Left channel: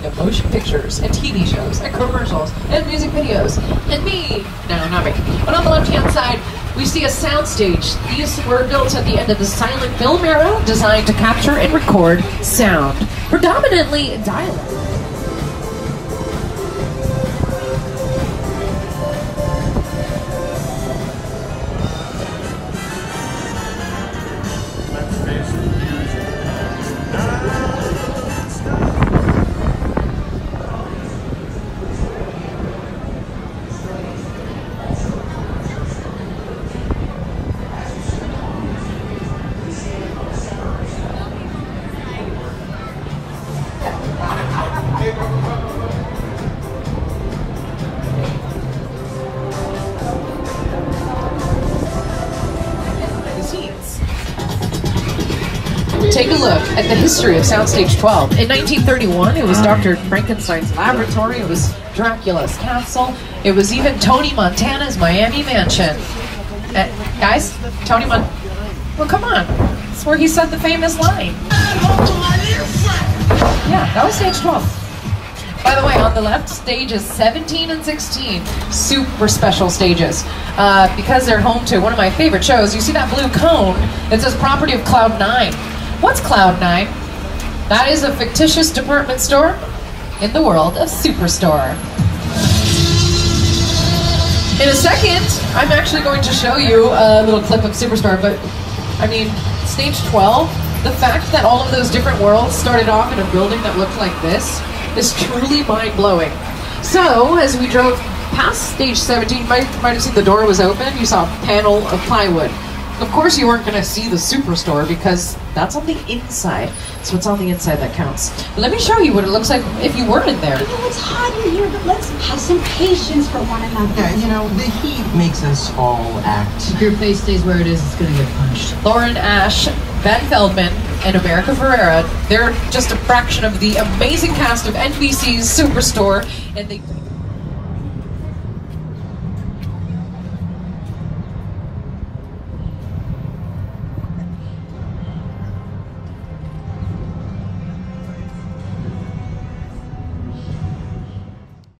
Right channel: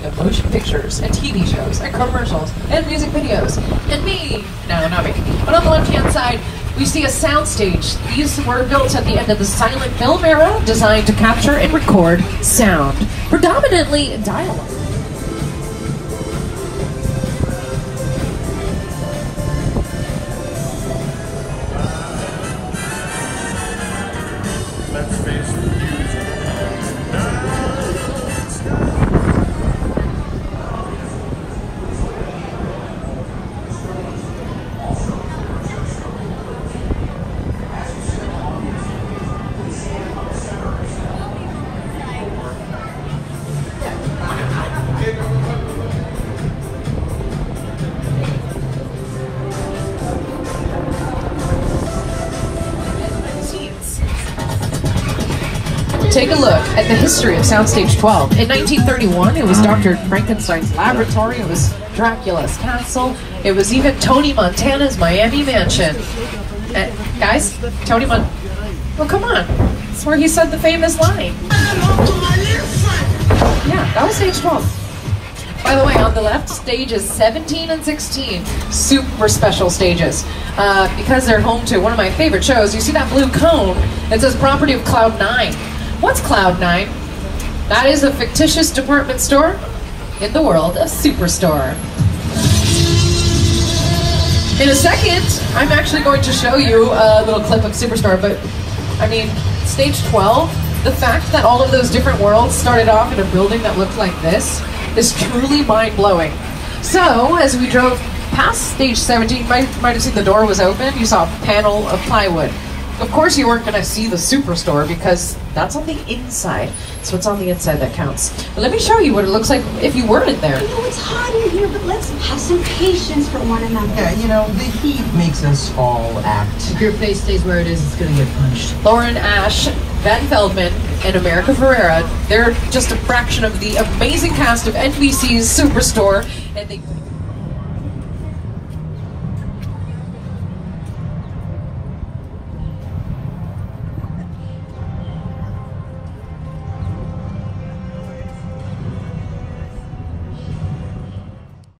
making of motion pictures and TV shows and commercials and music videos. And me. No, not me. But on the left-hand side, we see a soundstage. These were built at the end of the silent film era, designed to capture and record sound, predominantly dialogue. Take a look at the history of Soundstage 12. In 1931, it was Dr. Frankenstein's laboratory, it was Dracula's castle, it was even Tony Montana's Miami mansion. Guys, Tony well, come on. That's where he said the famous line. Yeah, that was stage 12. By the way, on the left, stages 17 and 16, super special stages. Because they're home to one of my favorite shows, you see that blue cone that says property of Cloud 9. What's Cloud 9? That is a fictitious department store in the world of Superstore. In a second, I'm actually going to show you a little clip of Superstore, but I mean, stage 12, the fact that all of those different worlds started off in a building that looked like this is truly mind-blowing. So, as we drove past stage 17, you might have seen the door was open, you saw a panel of plywood. Of course you weren't going to see the Superstore because that's on the inside. So it's on the inside that counts. But let me show you what it looks like if you were in there. It's hot in here, but let's have some patience for one another. Yeah, you know, the heat makes us all act. If your face stays where it is, it's going to get punched. Lauren Ash, Ben Feldman, and America Ferrera, they're just a fraction of the amazing cast of NBC's Superstore. And they